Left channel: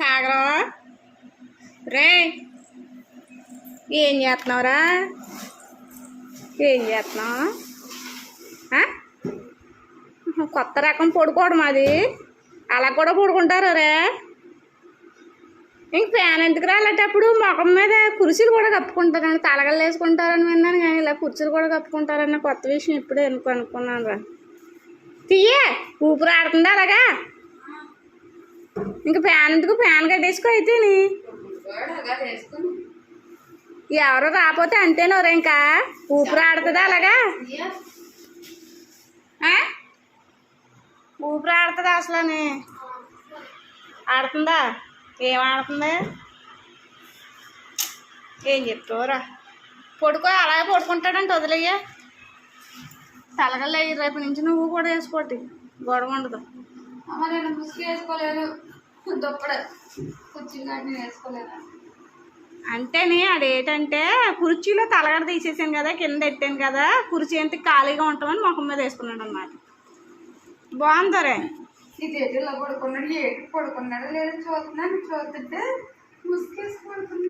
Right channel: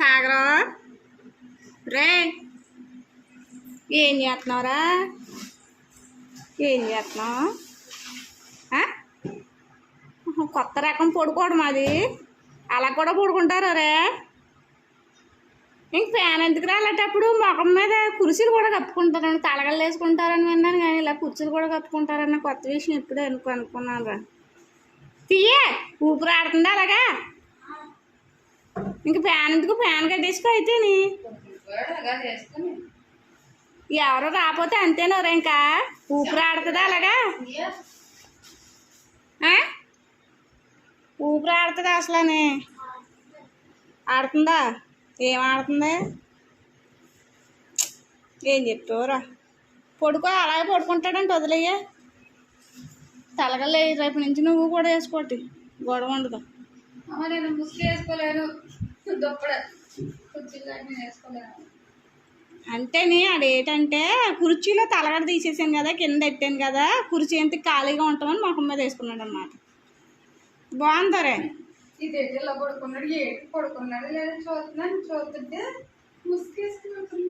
సాగరా రే ఏం చేస్తున్నావురా? ఏం చేస్తున్నావు? కొత్త రకం పడుకోవడం అది. అలా కూడా పడుకుంటారు రే. ఇంక ఫ్యాన్ ఎందుకు రాలేటప్పుడు ముఖం మీద కుర్చీలు కూడా కప్పుకుంటారని, తలగలు వేసుకుంటారని విన్నాను, కానీ ఇలా కుర్చీలు కూడా కప్పుకుంటారన్న కొత్త విషయం ఇప్పుడే అనుకున్నాను రా. తీయే ఊపిరి ఆడుతుందా అలాగా? ఇంక ఫ్యాన్ ఎందుకు? ఫ్యాన్ కట్టేసుకో అయితేని. ఎవరు రాకపోతే అంతేనోరా, ఇంకా ఊపిరి ఆడుతుందా అలాగా? ఊపిరి ఆడుతుందా అసలని? ఆడుతుందా? ఏం ఆడుతుంది? ఏం చెప్తావురా? పడుకో, అలాగే పడుకుంటాడంటే వదిలేయ్యా. తలగలే రేపు నుంచి నువ్వు కూడా వేసుకోటి, గొడవ ఉండదు. నేను ముసుగు వేసుకోలేను, దుప్పడ కుర్చీలు కానీ నేను వేసుకోలేను. అంటేనే అదేంటంటే కుర్చీలో తలగడ తీసేసాను కదా, కింద పెట్టాను కదా, కుర్చీ ఎంత ఖాళీగా ఉంటామని ముఖం మీద వేసుకున్నాడు అన్నమాట. బాగుందరే. ఇదేంటి ఇలా పడుకున్నాడు, ఏటి పడుకున్నాడు లేదని చూస్తుంటే ముసుగు వేసుకుంటున్నాడు.